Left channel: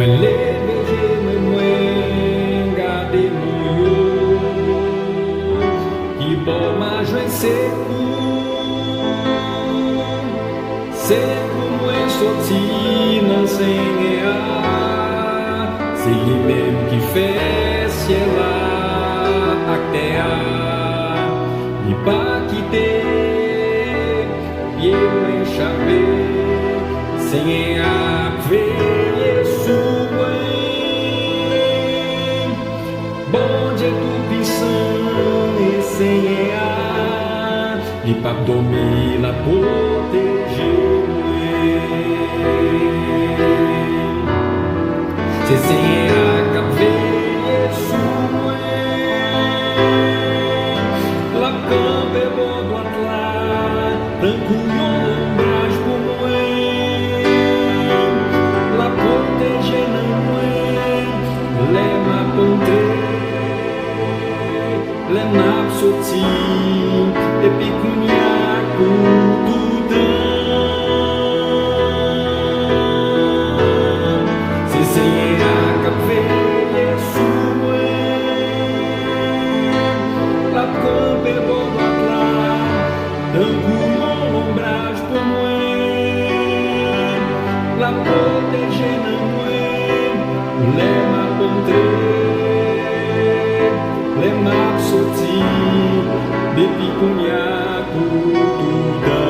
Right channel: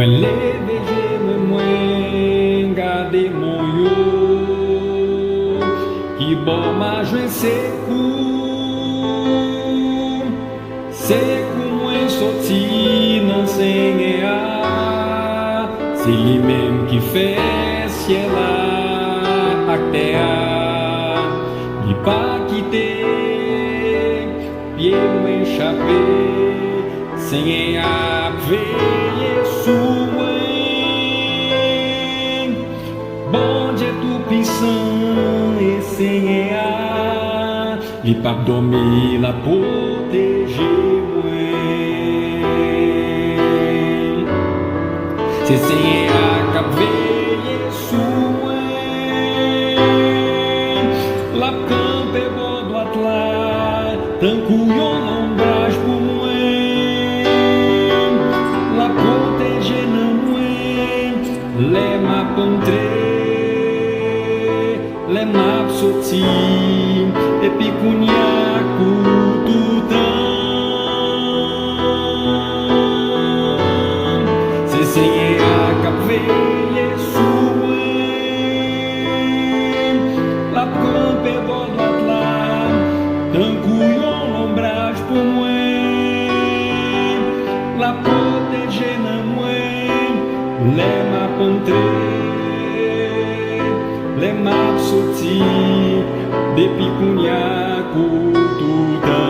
Me leve me mwen gade mon yo Ki bon ma jwen se kou mwen soti nan senye a Se li menm ki fe siel la ak te a Li pa kite pied mwen chape Senye ap veye sou mwen Bon Dieu tout puissant et Senye a Li pa dormi la protéger mwen Se Senye a kap veye sou mwen La campe bon droite la Tan kou yon ombrage pou mwen La protéger nan mwen Le map entre Le map soti Epi kounya kou toutan Se Senye a kap veye sou mwen La campe bon droite la Tan kou yon ombrage pou mwen La protéger nan mwen Le map entre Le map soti Depi kounya kou toutan